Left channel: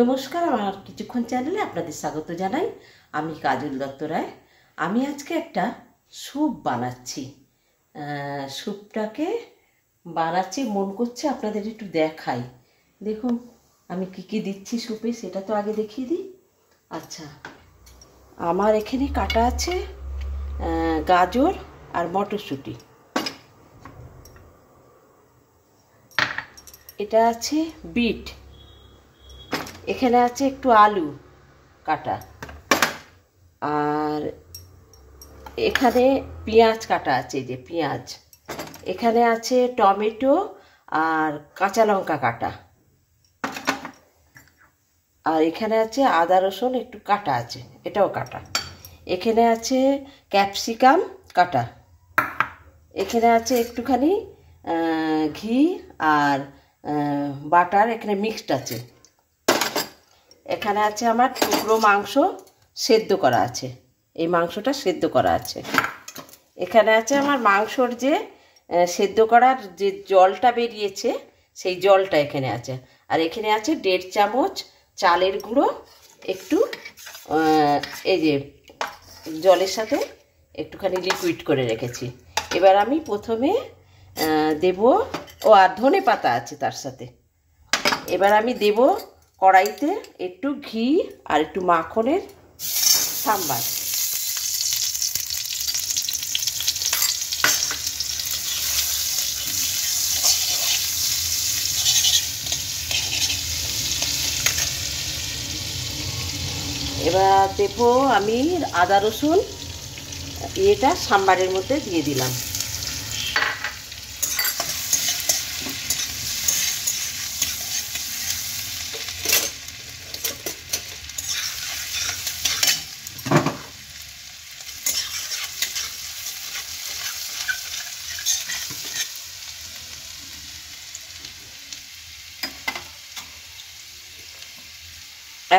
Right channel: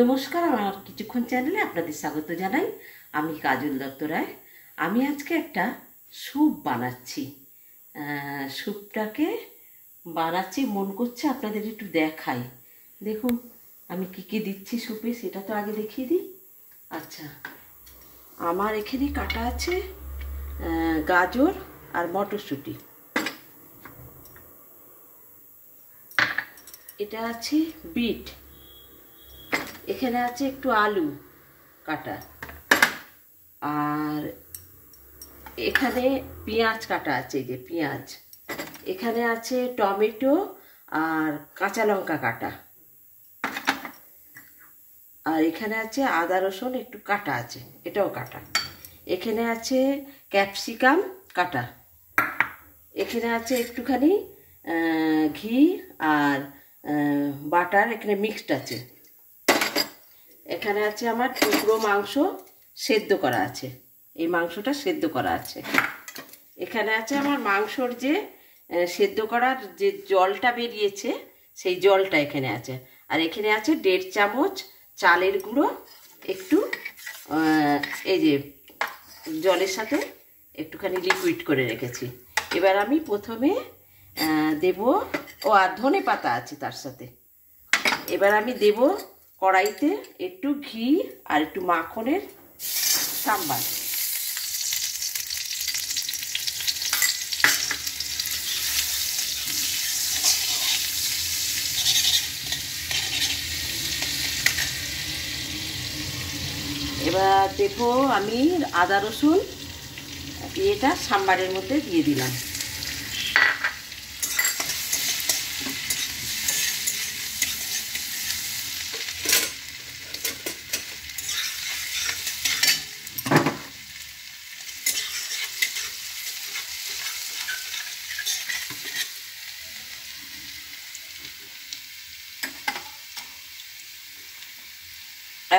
নমস্কার, আমার কিছুক্ষণ চ্যানেলে আপনাদের স্বাগত জানাই। আমি কাজল দত্ত রায়। আমি আজকে একটা স্যুপ বানাচ্ছি। স্যুপটাকে বানাচ্ছি, মন করছে আপনাদের একটু দেখাই। দেখুন আমি কি কি দিচ্ছি স্যুপে, সেটা তো আগে দেখিয়ে দিই। আচ্ছা, আমার এখানে কাটা আছে গাজর আর মটরশুঁটি। এটা আছে বিট, এখানে আছে একটু আলু কাটা, আর এখানে পেঁয়াজ কাটা আছে, এই যে পেঁয়াজ। এখানে আছে টমেটো আর কাঁচা লঙ্কা কাটা, আর এখানে আছে আদা রসুন একটু কাটা আছে, এটাও কাটা। এখানে আছে ক্যাপসিকাম কাটা। এখানে আছে একটুখানি ঘি আর বাটার, এখানে মিক্সড আছে। এখানে আছে আমার টুকরো মাংস সেদ্ধ করা আছে, এই মাংসটা সেদ্ধ করা আছে। এখানে আছে আমার মাংসর যে সেদ্ধ করার যে জলটা বেরিয়েছে, সেই জলটা এখানে আছে। আর এখানে আছে 1.5 চামচ চালের গুঁড়ো, একটু এই যে জলের সাথে একটুখানি লিকুইড করে রেখেছি। এবার আমি প্রথমে দেব, আর ধনে পাতা আছে তার সাথে। এবার আমি দেব কড়াইতে একটু ঘি আর একটু মাখনের সাম্বার। এবার দেব আমি আদা রসুন, এটা সাম্বারের মধ্যে দিয়ে দিলাম।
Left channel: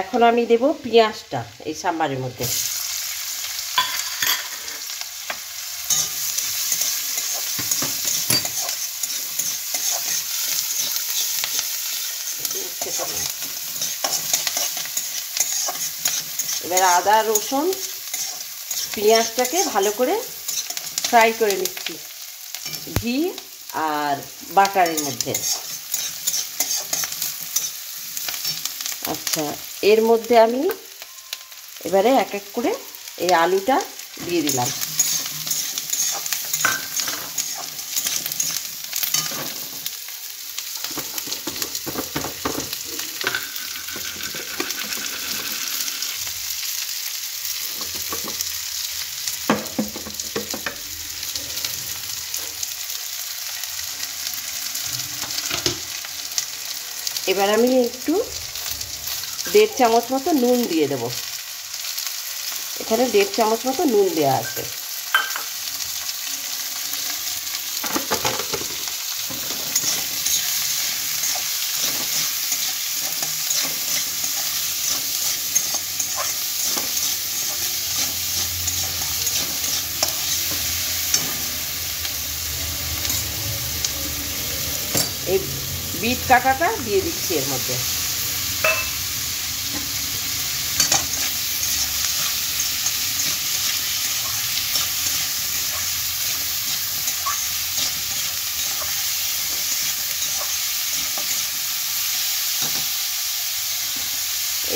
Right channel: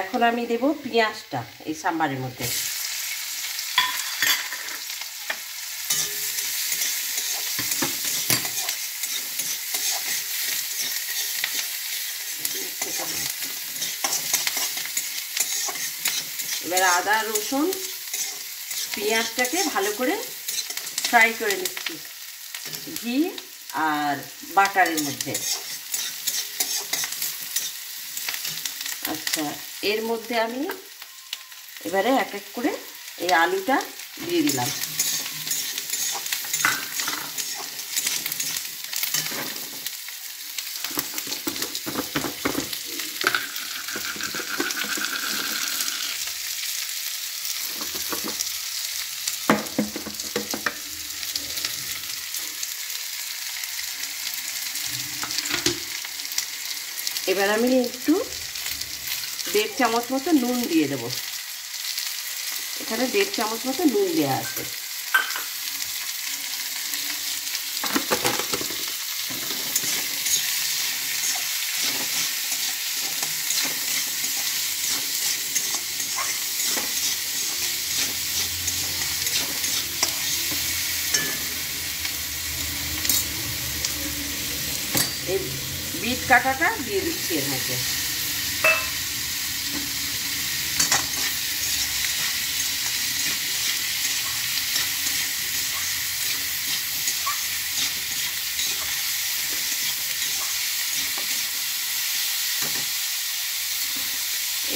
এখন আমি দেব পেঁয়াজটা এই সাম্বারের মধ্যে। এবার আদা রসুন পেঁয়াজটাকে ভালো করে ফ্রাই করে নিচ্ছি ঘি আর বাটারের মধ্যে। আচ্ছা, এর মধ্যে আমি এবারে এক এক করে এই আলুটা দিয়ে দিলাম। এবার আমি একটু 1.5 চামচ মতো নুন দিয়ে দেব। এখানে 1.5 চামচ মতো নুন দেওয়া আছে। এই বিট কাটাটা দিয়ে দিচ্ছি এর মধ্যে।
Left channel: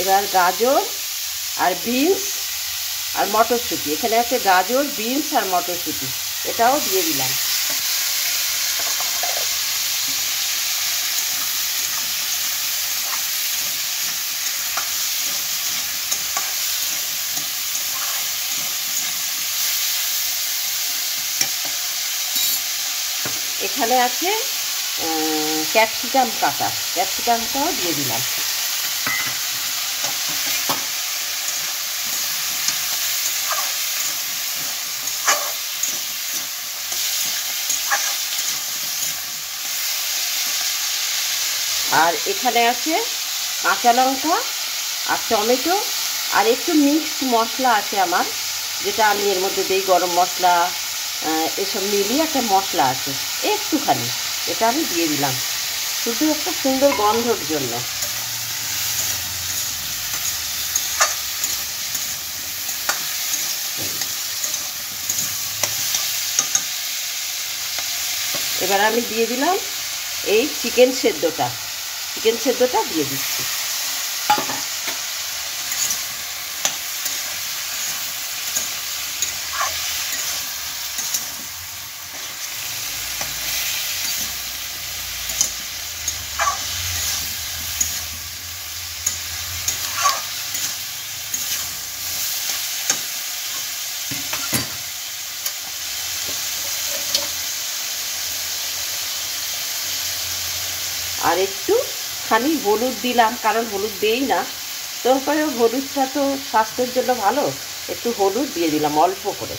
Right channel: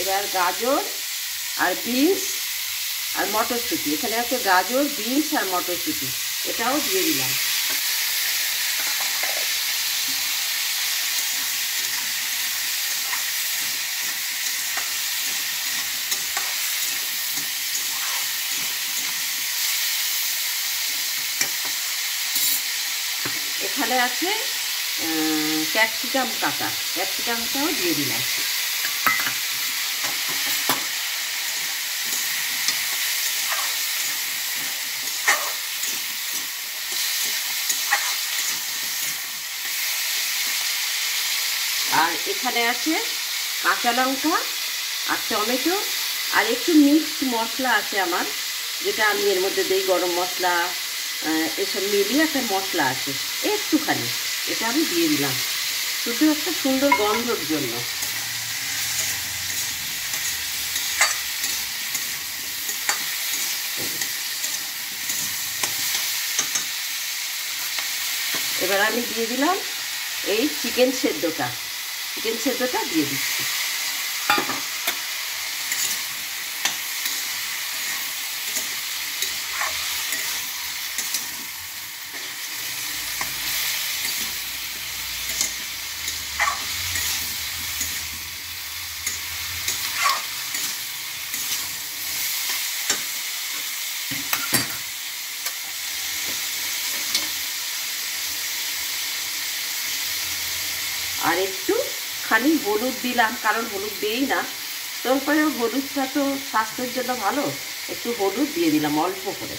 এবার গাজর আর বিনস আর মটরশুঁটি, এখানে আছে গাজর, বিনস আর মটরশুঁটি, এটাও দিয়ে দিলাম। এখানে আছে ক্যাপসিকাম কাটা, ক্যাপসিকামটাও দিয়ে দিলাম। আর এখানে আছে কাঁচা লঙ্কা আর টমেটো আর একটু মিক্সড মশলা আছে আমার, যেটা আমি এর মধ্যে দিই, গরম মশলা, এসব মিলিয়ে একটা মশলা আছে একটুখানি, এটা আমি দিয়ে দিলাম শুধু একটা সুন্দর গন্ধর জন্য। এবার আমি দিয়ে দিলাম এই চিকেন সেদ্ধটা দিয়ে দিচ্ছি। আর একটু খানি হলুদ দিলাম, কারণ হলুদ দিই না, তারপরে হলুদটা তো স্বাস্থ্যের জন্য ভালো, একটু হলুদ দিয়ে দিলাম অল্প করে।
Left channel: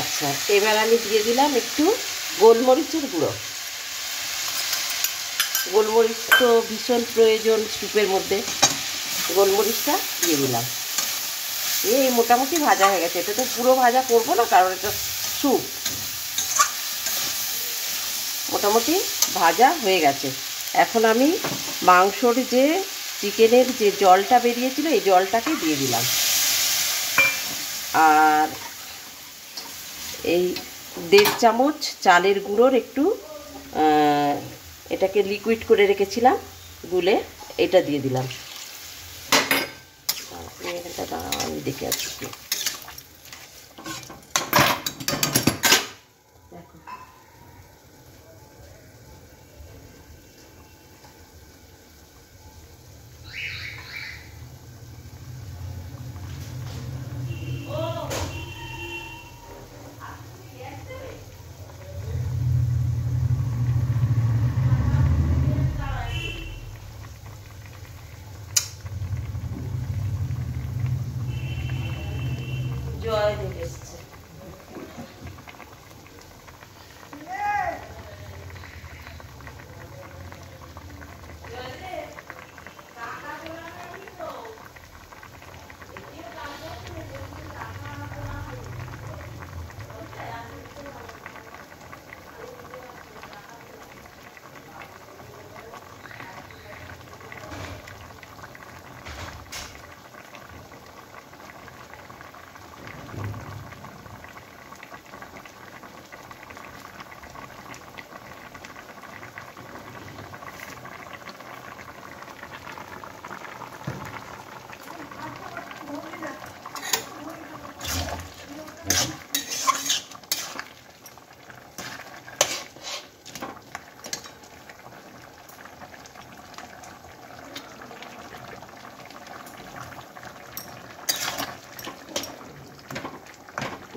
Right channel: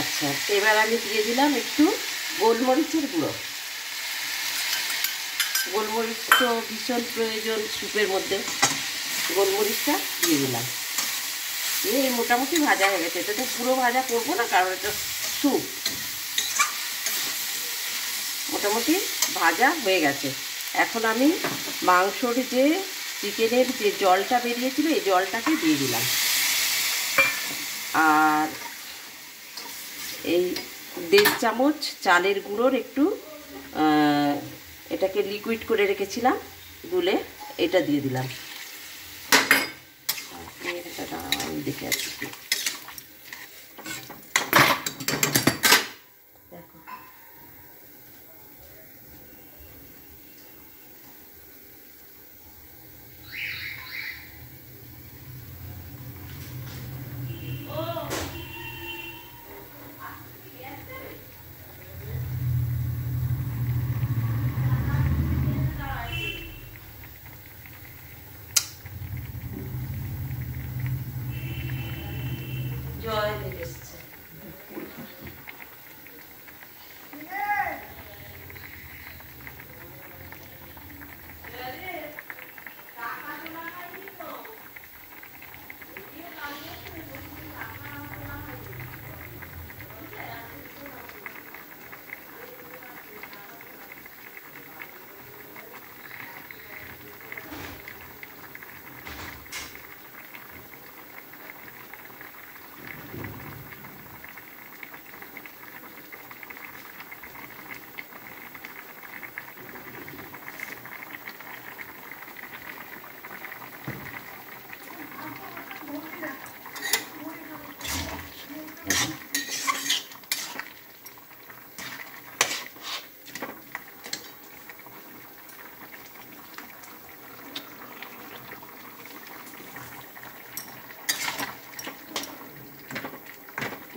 আচ্ছা, এবার আমি দিয়ে দিলাম একটু গোলমরিচের গুঁড়ো। গোলমরিচ তো ভীষণ প্রয়োজন স্যুপের মধ্যে, গোলমরিচটা দিয়ে দিলাম। এই মোটামুটি ভাজা হয়ে গেছে, এটা তো পুরো ভাজা করবো না, কারণ এটা স্যুপ। মোটামুটি ভাজা হয়ে গেছে। এখন আমি মাংসর যে চিকেনের যে জলটা বেরিয়েছিল এই জলটাকে দিয়ে দিলাম, আর এই 1.5 চামচ চালের গুঁড়োর একটু এটাকে লিকুইড করে রেখেছিলাম গুলে, এটা দিয়ে দিলাম। আমি দেখে আসছি, জয় এসছে।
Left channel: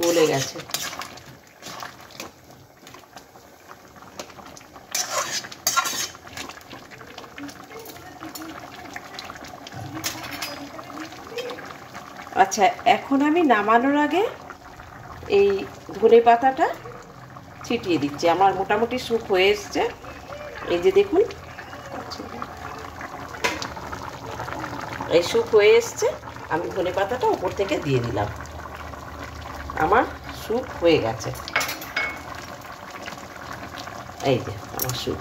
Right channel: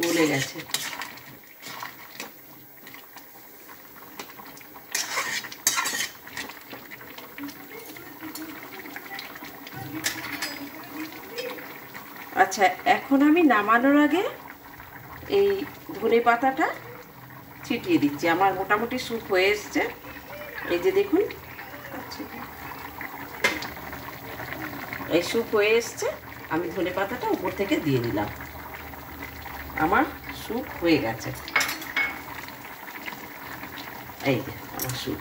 গলে গেছে। আচ্ছা, এখন আমি নামানোর আগে এই ধনে পাতাটা ছিটিয়ে দিচ্ছি। আমার মোটামুটি স্যুপ হয়ে এসছে, এই যে দেখুন, এই স্যুপ হয়ে এসছে। আমি ধনে পাতাটা উপর থেকে দিয়ে দিলাম, আমার স্যুপ হয়ে গেছে। এই যে আমার স্যুপ।